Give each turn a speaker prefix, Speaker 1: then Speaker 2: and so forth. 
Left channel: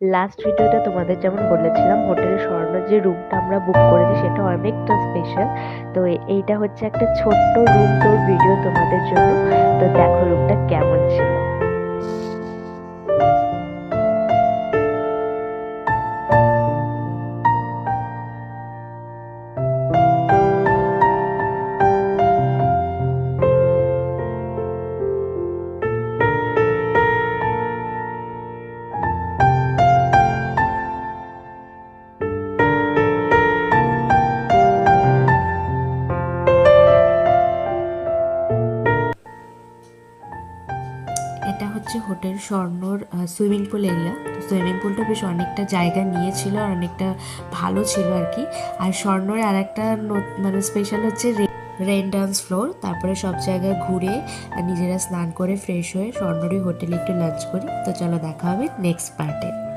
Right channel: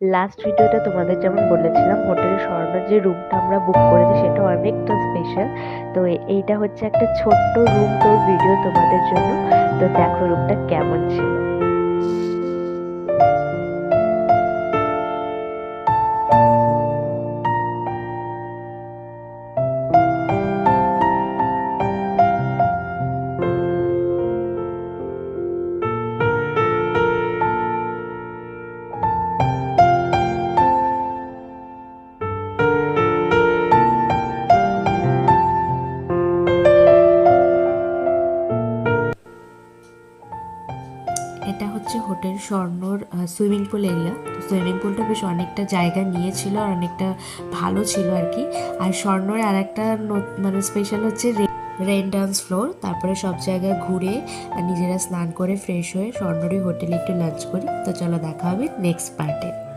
Speaker 1: Last ভিডিওটা তোমাদের যেমন বলেছিলাম, হোটেল স্বর্ণ যে রুমটা আমরা বুক করেছি সেটা অনেকটা স্পেশাল তো এইটা হচ্ছে একটা ছোট্ট রুম তোর ভিডিও তোমাদের জন্য। তো দেখো রুমটা কেমন ছিল।
Speaker 2: এটা হচ্ছে হোটেল স্বর্ণর সুইমিং পুল এরিয়া। তো সুইমিং পুলটা বেশ অনেকটা জায়গা নিয়েছিল আর অনেকটা ভালো ছিল আর কি। আর স্বর্ণর আর একটা মানে স্পেশাল হচ্ছে রেন ডান্স ফ্লোর তারপরে সব জায়গায় ঘুরে আর নিজেরা স্নান করে ফ্রেশ হয়ে স্বর্ণরই হোটেলে একটু লাঞ্চ করি। তো চলো দেখা হবে নেক্সট পার্টে